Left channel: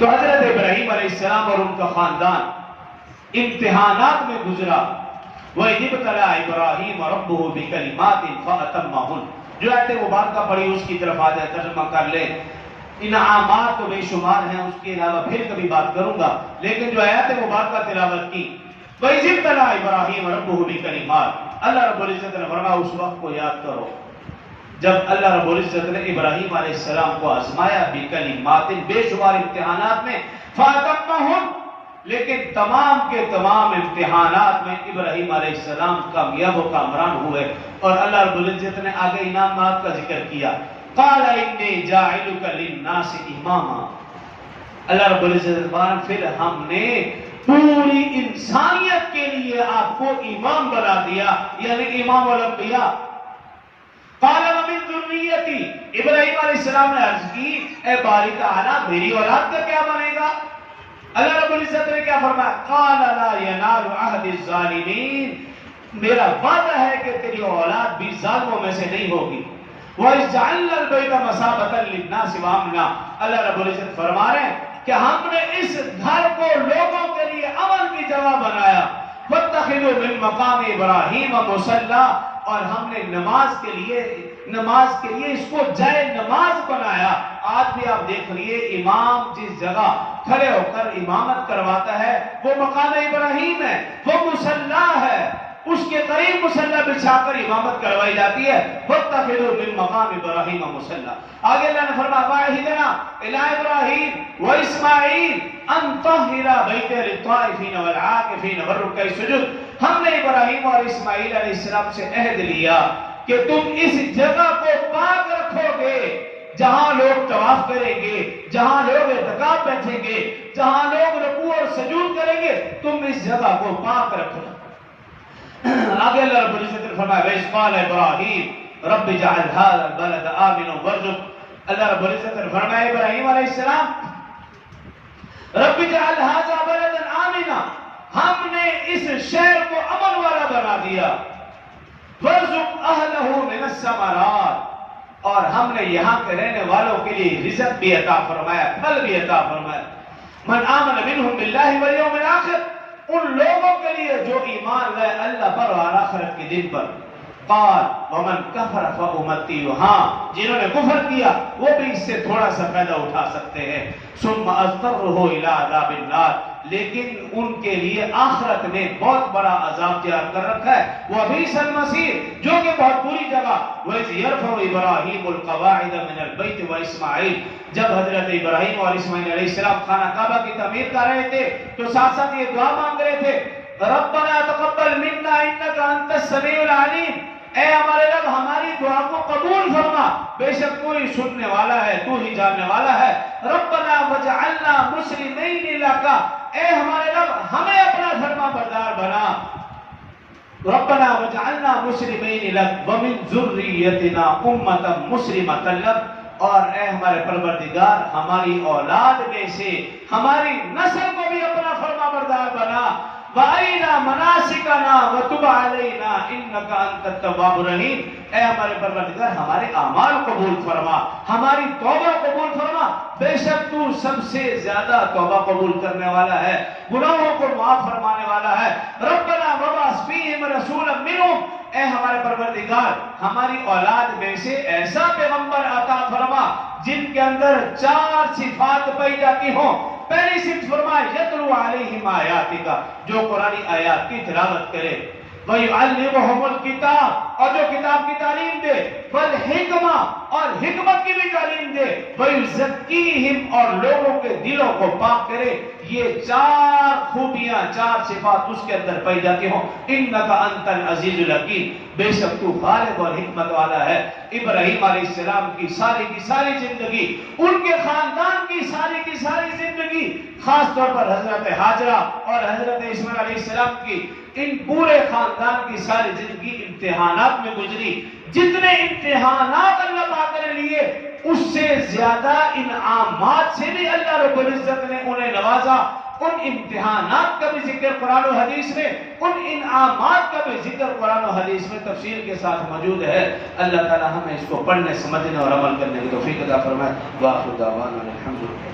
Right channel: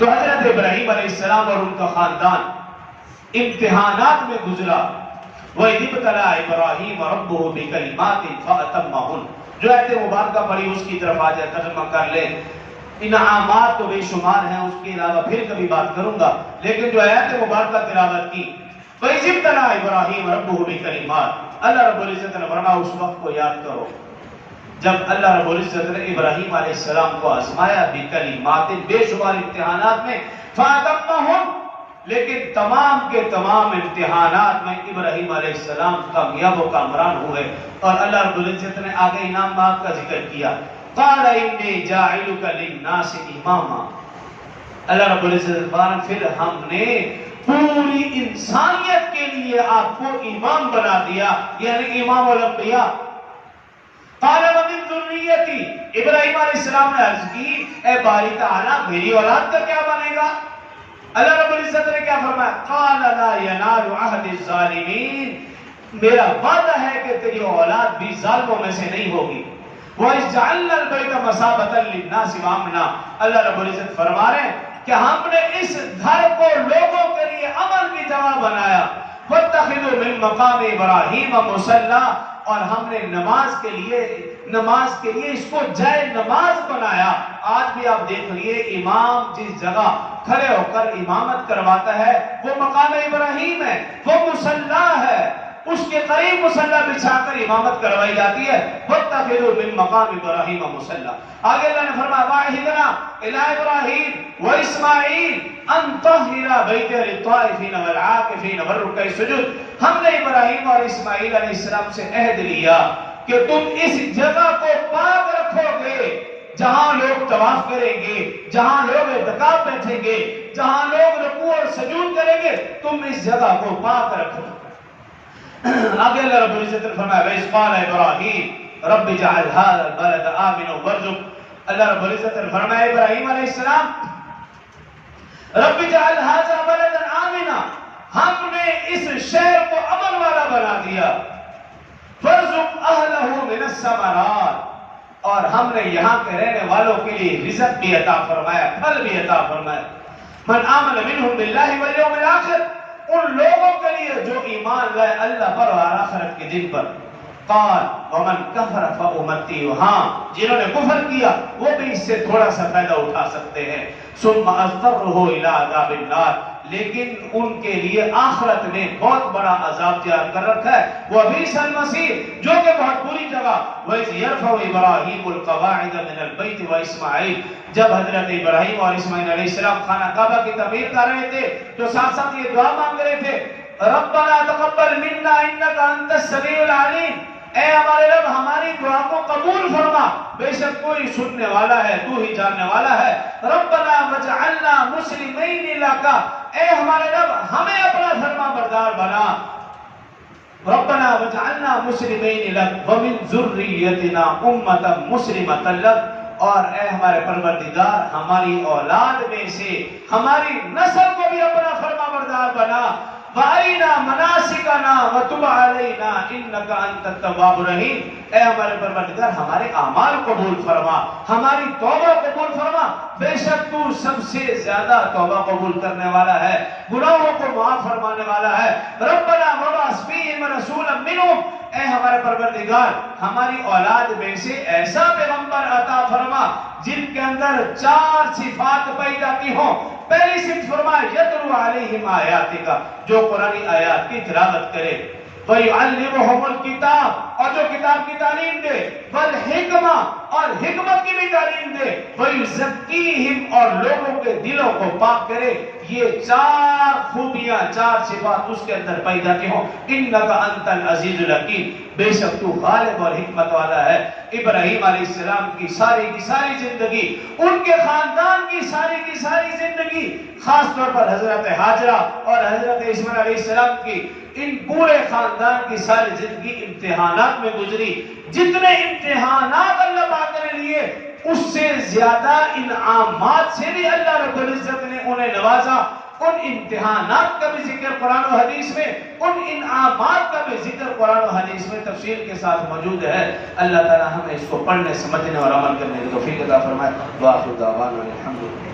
تو حضرت ابراہیم علیہ السلام اور ان کا خاندان امتحانات میں گزرا. وَإِذِ ابْتَلَىٰ إِبْرَاهِيمَ رَبُّهُ بِكَلِمَاتٍ فَأَتَمَّهُنَّ. جو آیت مبارکہ پڑھی اس کی طرف آ جائے ترجمہ کر لیں. انعامات تو بے شمار ہیں، اس کے علاوہ پھر کبھی بات کروں گا، لیکن جو آیت مبارکہ تلاوت کی وَإِذِ ابْتَلَىٰ إِبْرَاهِيمَ رَبُّهُ بِكَلِمَاتٍ، اللہ رب العزت نے فرمایا اس وقت کو یاد کرو جب اللہ رب العزت نے ابراہیم علیہ السلام کو آزمایا بکلمات، بے شمار امتحانات میں، فَأَتَمَّهُنَّ، لیکن تمام کے تمام امتحانات میں ابراہیم علیہ السلام کامیاب و کامران ہوئے. اور اللہ رب العزت نے آگے انعامات کا ذکر کیا. قَالَ إِنِّي جَاعِلُكَ لِلنَّاسِ إِمَامًا. اللہ رب العزت نے فرمایا پھر ہم نے پوری انسانیت کے لیے آپ کو امام بنا دیا، یعنی امام الانبیاء. قال ومن ذریتی، ابراہیم علیہ السلام نے عرض کی اے باری تعالیٰ میری اولاد کا کیا بنے گا؟ اللہ رب العزت نے کیا فرمایا؟ قال لا ينال عهد الظالمین، میرا وعدہ ہے کہ تیری اولاد بھی ظالموں میں سے نہیں ہوگی. وَإِذْ جَعَلْنَا الْبَيْتَ مَثَابَةً لِلنَّاسِ وَأَمْنًا، اللہ رب العزت فرما رہے ہیں کہ ہم نے اس گھر کو لوگوں کے لیے امن کی جگہ بنایا. وَاتَّخِذُوا مِن مَّقَامِ إِبْرَاهِيمَ مُصَلًّى، اور ہم نے نماز کے لیے اس کو جائے نماز بنایا. آج بھی آپ دیکھ لیے امام جس جگہ کھڑے ہو کر امامت کرواتا ہے وہ مقام ابراہیم ہے، وہ مصلی ہے، اس کے قریب مصلی بچھا کر امامت کروائی جاتی ہے. وَاتَّخِذُوا مِن مَّقَامِ إِبْرَاهِيمَ مُصَلًّى. آگے اللہ نے فرمایا وَعَهِدْنَا إِلَىٰ إِبْرَاهِيمَ وَإِسْمَاعِيلَ أَن طَهِّرَ بَيْتِيَ لِلطَّائِفِينَ وَالْعَاكِفِينَ وَالرُّكَّعِ السُّجُودِ. ہم نے ابراہیم اور اسماعیل علیہ السلام سے عہد لیا کہ تم اس جگہ کو پاک رکھو گے جہاں لوگ طواف کریں گے، جہاں لوگ اعتکاف بیٹھیں گے، جہاں لوگ رکوع اور سجود کریں گے، تم اس جگہ کو پاک رکھنا. آگے اللہ رب العزت نے فرمایا وَإِذْ قَالَ إِبْرَاهِيمُ رَبِّ اجْعَلْ هَٰذَا الْبَلَدَ آمِنًا وَارْزُقْ. اللہ رب العزت نے فرمایا ابراہیم علیہ السلام رَبِّ اجْعَلْ هَٰذَا بَلَدًا آمِنًا، ہم نے اس شہر کو امن والا بنا دیا. وَارْزُقْ أَهْلَهُ مِنَ الثَّمَرَاتِ، اور ہم نے یہاں کے رہنے والوں کے لیے رزق بھی عطا فرمایا، پھل بھی عطا فرمایا. مَنْ آمَنَ مِنْهُمْ بِاللَّهِ وَالْيَوْمِ الْآخِرِ، ان لوگوں کے لیے جو ایمان لائے اللہ پر اور آخرت کے دن پر. قال ومن كفر فأمتعه، ہاں جنہوں نے کفر کیا وہ بھی اس سے تھوڑا سا فائدہ اٹھا سکتے ہیں. ثم اضطره الى عذاب النار، لیکن ان کے لیے آخرت میں بہت بڑا عذاب تیار کر رکھا ہے. وبئس المصیر، جو کہ بہت بری جگہ. وَإِذْ يَرْفَعُ إِبْرَاهِيمُ الْقَوَاعِدَ مِنَ الْبَيْتِ وَإِسْمَاعِيلُ، جب حضرت ابراہیم اور اسماعیل علیہ السلام خانہ کعبہ کی تعمیر کر رہے تھے تو ساتھ ساتھ یہ دعا مانگ رہے تھے ربنا تقبل منا انک انت السمیع العلیم، اے ہمارے رب ہماری دعا کو قبول فرما، بے شک تو ہی سننے والا ہے، تو ہی جاننے والا ہے. ربنا وجعلنا مسلمین لک، اے ہمارے رب ہمیں اپنا فرما بردار بنا. ربنا وجعلنا مسلمین لک ومن ذریتنا امة مسلمة لک، اور اے ہمارے پروردگار ہماری اولاد میں سے ہماری نسل کو بھی اپنا فرما بردار بنا. وَأَرِنَا مَنَاسِكَنَا وَتُبْ عَلَيْنَا إِنَّكَ أَنْتَ التَّوَّابُ الرَّحِيمُ، اے ہمارے پروردگار ہمارے اعمال قبول فرما، ہماری توبہ قبول فرما، بے شک تو سب سے زیادہ توبہ قبول کرنے والا ہے، گناہوں کو معاف فرمانے والا ہے. ربنا وَبَعَثْ فِيهِمْ رَسُولًا مِّنْهُمْ، اے ہمارے پروردگار ہماری اولاد میں سے ایسا پیغمبر عطا فرما جن کے اندر 4 صفات پیدا کی ہوں. پہلی صفت فرمائے یتلو علیہم آیاتک، جو قرآنی آیات کی تلاوت کرے. وَيُعَلِّمُهُمُ الْكِتَابَ، اور جو کتاب کی تعلیم دے. وَالْحِکْمَةَ، اور حکمت کی بھی تعلیم دے. وَيُزَكِّيهِمْ، اور لوگوں کے دلوں کو پاک کرے. یہ 4 خوبیاں 4 صفات اس کے اندر پیدا کی ہوں. اِنَّكَ أَنْتَ الْعَزِيزُ الْحَكِيمُ، بے شک تو غالب اور حکمت والا ہے. ابراہیم علیہ السلام کی ساری زندگی، ان کے خاندان کی ساری زندگی، خاص طور پر حضرت ہاجرہ اور حضرت اسماعیل علیہ السلام کی، ان پورے خاندان کی ساری زندگی امتحانات میں گزری. جتنے امتحانات اللہ پاک نے لیے اس سے زیادہ انعامات سے بھی اللہ رب العزت نے انہیں نوازا. ان امتحانات کا بھی ذکر قرآن و حدیث میں، ان انعامات کا بھی ذکر قرآن و حدیث میں تفصیل کے ساتھ موجود ہے. اللہ تعالی ہمیں اس کو پڑھنے، سمجھنے اور عمل کرنے کی توفیق عطا فرمائے. وآخر دعوانا الحمدللہ.